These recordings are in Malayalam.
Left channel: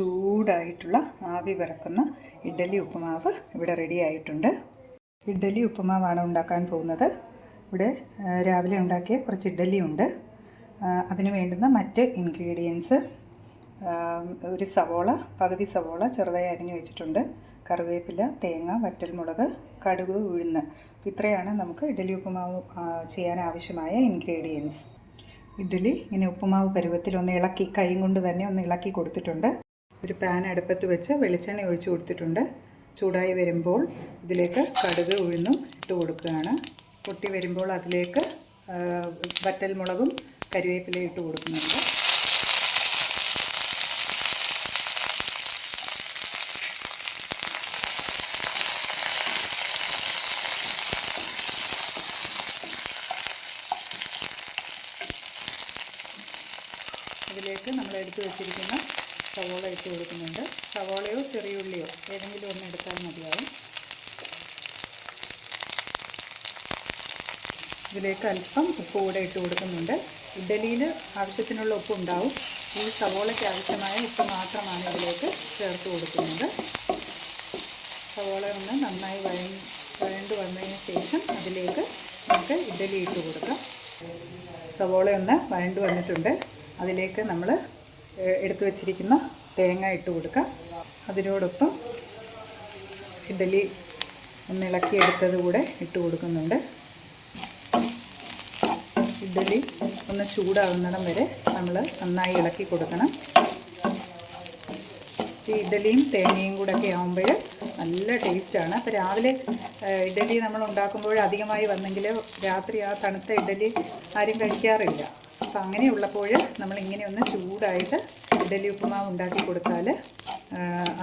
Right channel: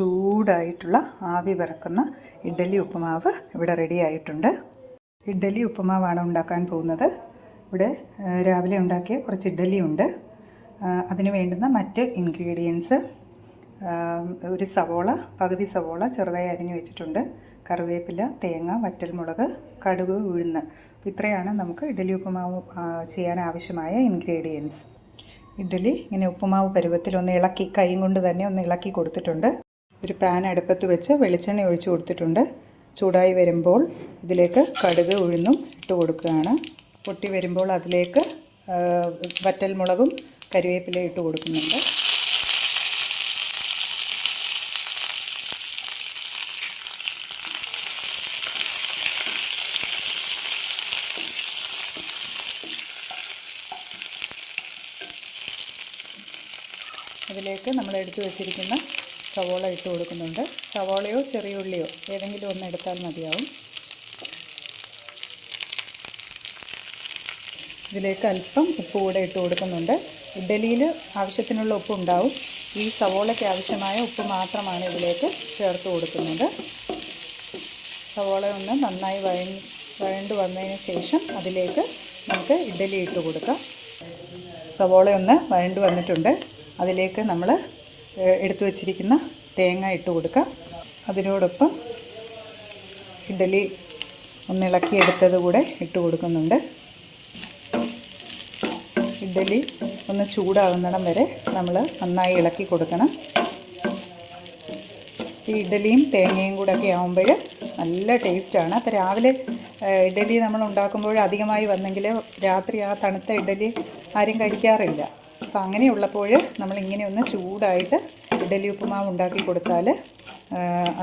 ചൂടായിട്ടുള്ള ആവി പറക്കുന്ന ഇഡ്ഡലി ഉപ്പുമാവ് ഇവിടെ റെഡി ആയിട്ടുണ്ട്. ഇഡ്ഡലി ഉപ്പുമാവാണ് ഉണ്ടാക്കാൻ പോകുന്നത്. ഇവിടെ രാവിലെ ഉണ്ടാക്കിയ കുറച്ച് ഇഡ്ഡലി ഉണ്ട്. അതിന് വേണ്ടുന്ന മറ്റ് ഇൻഗ്രീഡിയൻസ്: ഒരു സവോള, പകുതി സവോള ചെറുതായി അരിഞ്ഞു വെച്ചിട്ടുണ്ട്, കറിവേപ്പില, തേങ്ങ, വറ്റൽമുളക്, കടുക്, ഉഴുന്ന്. ഇത്രയാണ് നമുക്ക് ഇഡ്ഡലി ഉപ്പുമാവ് ചെയ്യാൻ ആവശ്യമായ ഇൻഗ്രീഡിയൻസ്. ഇഡ്ഡലി ഇങ്ങനെ ഉപ്പുമാവ് പരുവത്തിൽ ഒന്ന് ഇളക്കി, കൈ കൊണ്ട് തന്നെ ഒന്ന് ഇളക്കി കൊടുത്തിട്ടുണ്ട്. ഒരു പാൻ അടുപ്പത്ത് വെച്ച് വെളിച്ചെണ്ണ ഒഴിച്ചു കൊടുത്തിട്ടുണ്ട്. ചൂടായി വരുമ്പോൾ ഇതിലേക്ക് കടുക്, ഉഴുന്നും ഇട്ട് കൊടുക്കുകയാണ്. പൊട്ടി വരുമ്പോൾ അതിലേക്ക് വറ്റൽമുളകും കറിവേപ്പിലയും ഇട്ട് കൊടുക്കുന്നുണ്ട്. അതിലേക്ക് നമ്മൾ എടുത്ത് വെച്ചിരിക്കുന്ന സവോള ഇട്ട് കൊടുക്കുന്നുണ്ട്. സവോളയോ ചെറിയ ഉള്ളിയോ ഏതെങ്കിലും ഒന്ന് എടുത്താൽ മതിയാവും. ഇതിലേക്ക് അല്പം ഉപ്പ് കൂടെ ഇട്ട് കൊടുക്കുന്നുണ്ട്. ഇഡ്ഡലിയിൽ ആവശ്യത്തിനുള്ള ഉപ്പ് ഉണ്ടാവും. ഈ സവോളയ്ക്ക് ആവശ്യമായ ഉപ്പ് മാത്രമാണ് ഇതിലേക്ക് ചേർത്ത് കൊടുക്കുന്നത്. സവോള ഒന്ന് നന്നായി വഴണ്ട് വന്നതിന് ശേഷം അതിലേക്ക് നമുക്ക് ഇഡ്ഡലി ഇട്ട് കൊടുക്കാം. സവോള ഒന്ന് വഴണ്ട് വന്നിട്ടുണ്ട്. അതിലേക്ക് നമ്മൾ എടുത്തു വച്ചിരിക്കുന്ന തേങ്ങ ഇട്ട് കൊടുക്കാം. അതിനോടൊപ്പം ഇഡ്ഡലി ഒന്ന് ഇളക്കിയെടുത്തത് കൂടെ ഇട്ട് കൊടുക്കുന്നുണ്ട്. ഇഡ്ഡലി ഒന്ന് ചൂടാകുന്നിടം വരെ നമ്മൾ നന്നായി ഇളക്കി കൊടുക്കണം. ഈ ഇഡ്ഡലിയും തേങ്ങയും കൂടെ ഒക്കെ ആകുമ്പോൾ നല്ല ടേസ്റ്റാണ്. അപ്പോൾ രാവിലെ ഇഡ്ഡലി നമ്മൾ ഉണ്ടാക്കുമ്പോൾ അധികമായി വന്നെങ്കിൽ രാത്രി ആ തണുത്ത ഇഡ്ഡലി ആരും കഴിക്കാറില്ല. അപ്പോൾ അങ്ങനെയുള്ളപ്പോൾ നമ്മളിങ്ങനെ ഒന്ന് ചൂടായിട്ട് ഇഡ്ഡലി ഉപ്പുമാവ് ഉണ്ടാക്കി കൊടുത്താൽ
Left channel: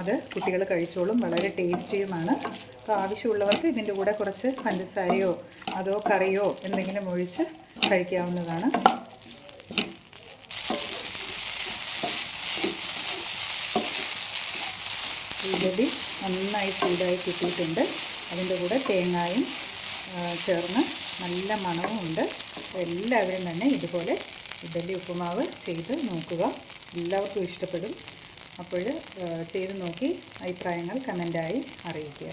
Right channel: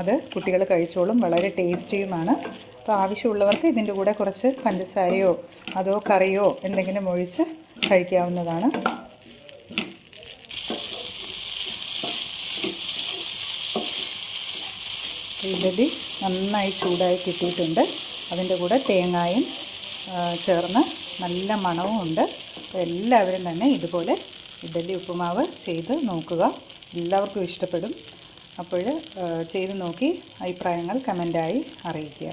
അത് കുട്ടികൾ കഴിച്ചോളും. വളരെ ടേസ്റ്റിയുമാണ്. അപ്പോൾ ആവശ്യമുള്ളവർക്ക് ഇതിൻ്റെ കൂടെ കുറച്ച് പഞ്ചസാരയോ അതോ കറിയോ എന്തെങ്കിലും ഒഴിച്ച് കഴിക്കാവുന്നതാണ്. ഇഡ്ഡലി നന്നായി ചൂടായി കിട്ടിയിട്ടുണ്ട്. അതിൻ്റെ കൂടെ തേങ്ങായും ചേർന്ന് നല്ല മണവും ഉണ്ട്. എല്ലാവരും തന്നെ ഇതുപോലെ ഇഡ്ഡലി ഉപ്പുമാവ് ചെയ്ത് നോക്കുക. എല്ലാവർക്കും ഇഷ്ടപ്പെടും. അപ്പോൾ ചെയ്ത് നോക്കി അഭിപ്രായങ്ങൾ കമൻ്റായി അറിയിക്കുക.